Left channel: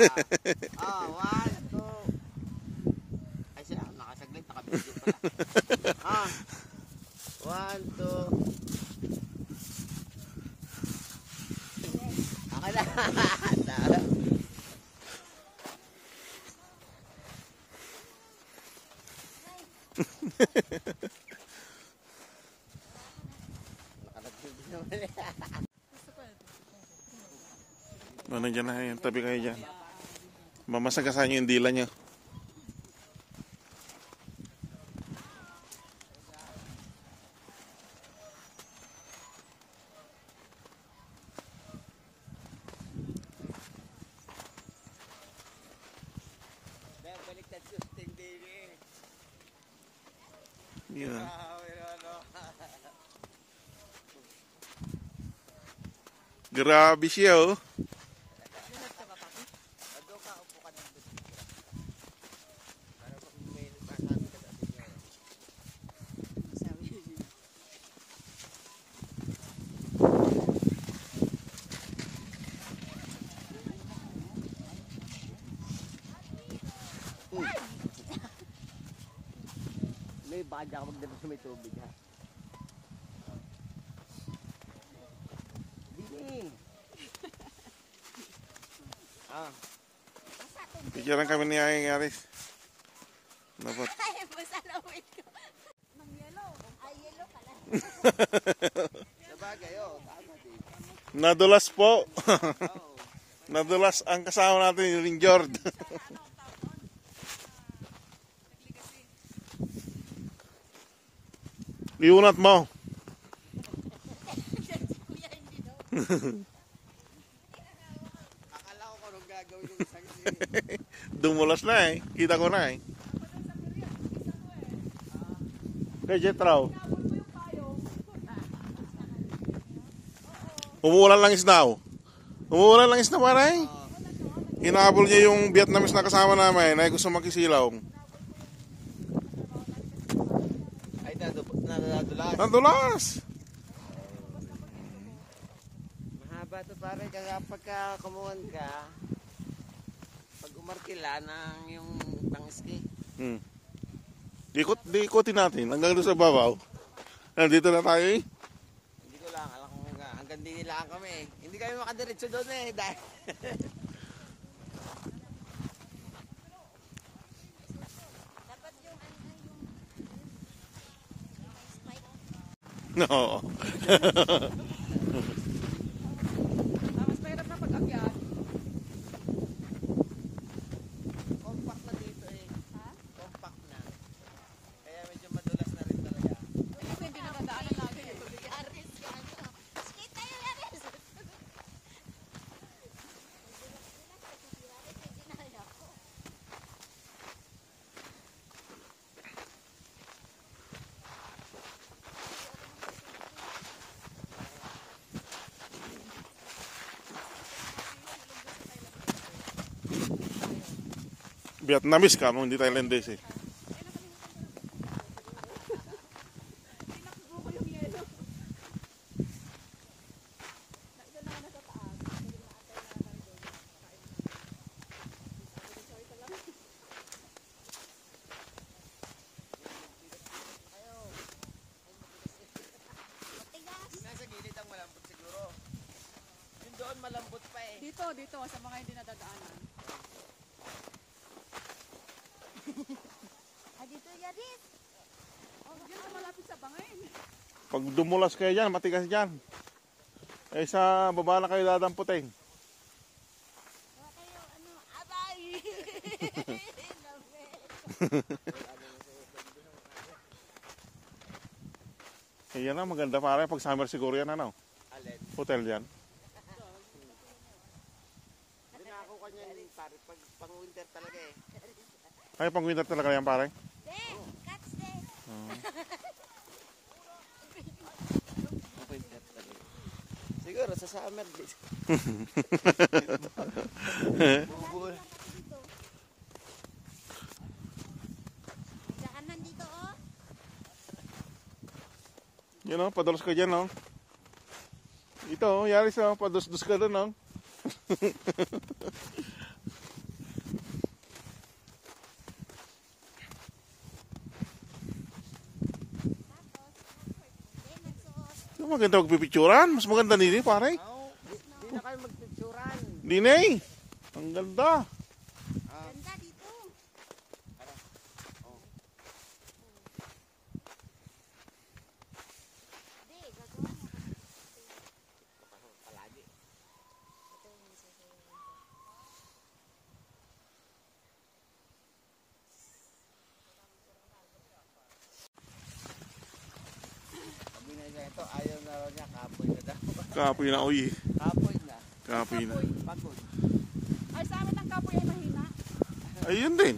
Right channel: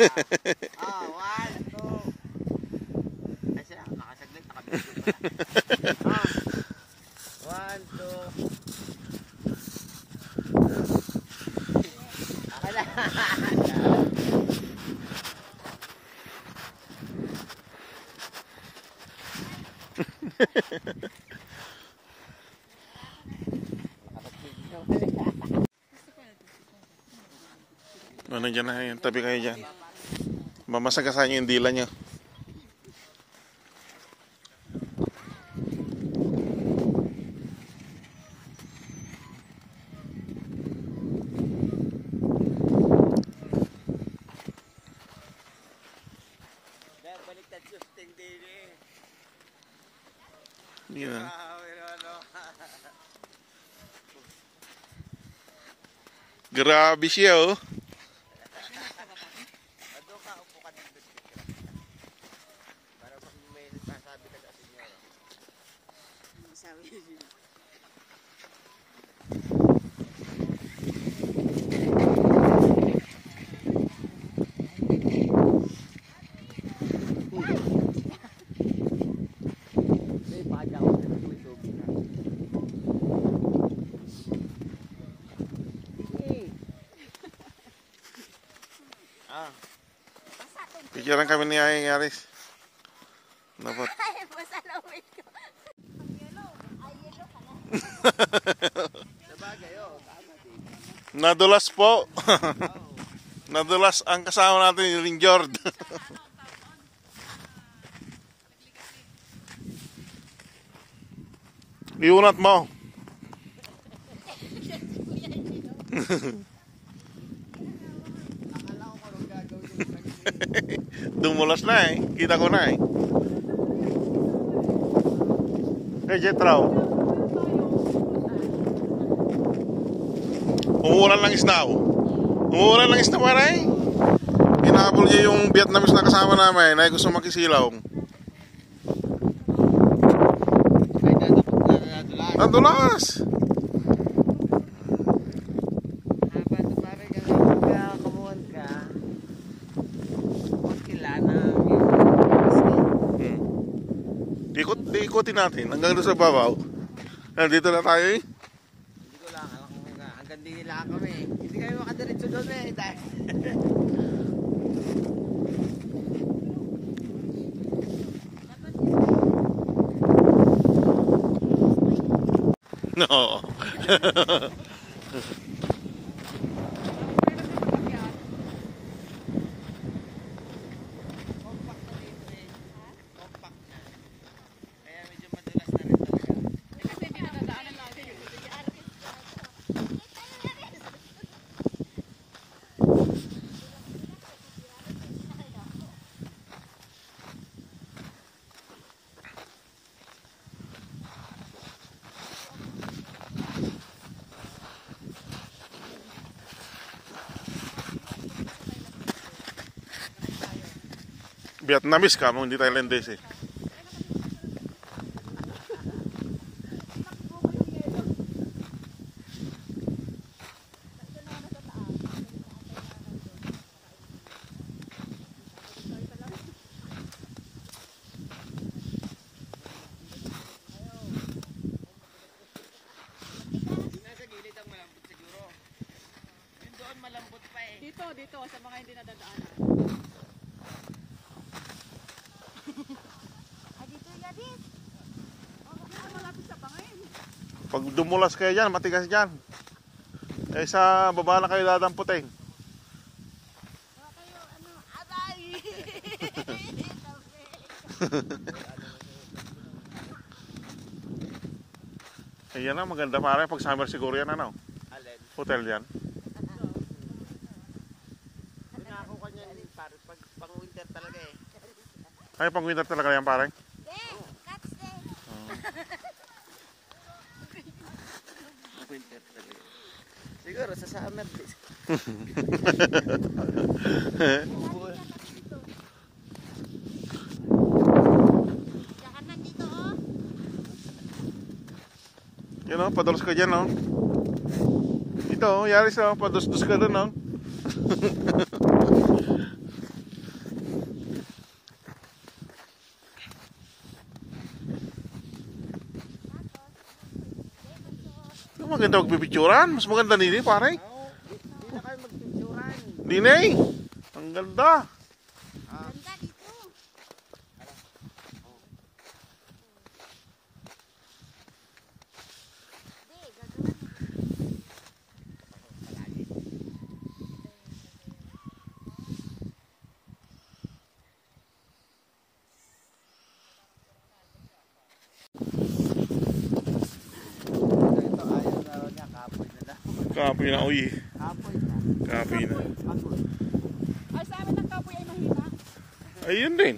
One, two. Ay siya, nakasaglit, nakabidyo pala. One, two. Okay na. Nandiyan na yan, tabi kayo dyan. Mamasagasan nyo yung dila nyo. Baliktad susting din eh. Yeah. Grabe siya oh. Ado ka, upo ka dito. Para pag may nagsasabi ka sa inyo. Sabi niya. May paja ko dito may tubig ha. Pikiran kami ni Ayeng Yaris. Dapat. Ay, masalawin ko. Ang yellow. Ay, yellow pala. Sabagay, Nadulas po. Nadulas ang kasama natin yung Ringjord. Iunat mo. Akala ko kung gagawin yung isang Dumulas na eh. Kita ko na eh. Hey, Jetraw. Umuulan lang isda oh. Umuulan lang isda para eh. Hinahabol niya yung Vietnamese na kasama namin. Ay gusto makisilaw. ay tatapos na nadulas. Nadulas! Bato pare ka kaya kumuhan ka. Makilala yung Ikutin natin hanggang doon sa babaw. Nandito na tayo eh. hindi ko lang alam kung hanggang din nila kami. Hindi kami makadiretso doon eh. Dahil No. compact na dito eh. Compact na. Kaya medyo madulas na rin talaga. Kasi hindi nakadaanan natin yung Yaris. Kita yung Yaris. Vietnamese ka, hindi Thailandese eh. Nasa gilid ang malambot siguro. Yung doon malambot pa eh. Dito, sa mga hindi nadadaanan. Dito yung Yaris. Dito malapit sa bangin. Pag dumulas kayo dyan, matigas dyan. Eh sa baba na kayo dadamputin. Wala kayo, abay. Ayan na, maganda pare. Pag summer siguro yan ano. Alin? Hotel yan. Pinako ka niya pare pag winter talaga eh. Ay, pang winter talaga yan pare. Catch this. Winter talaga. Siguro sa summer din. Saka nandito oh. Yan o, padulas ka dyan o. Ito o, Yaris o, padus-dus ka dun o. Maganda magpipicturan. Mas maganda nini, pare. Di na kayo magpicturan. Dinay. Ang ganda. Ganda dito. Hindi, gagawin mo. Ito, ayaw na raw niya. Kapoy na daw. Kapoy na, uy. Kapoy na. Kapoy na. Pagod. Ay, sa amin ang kapoy ay mahina. Ayun din.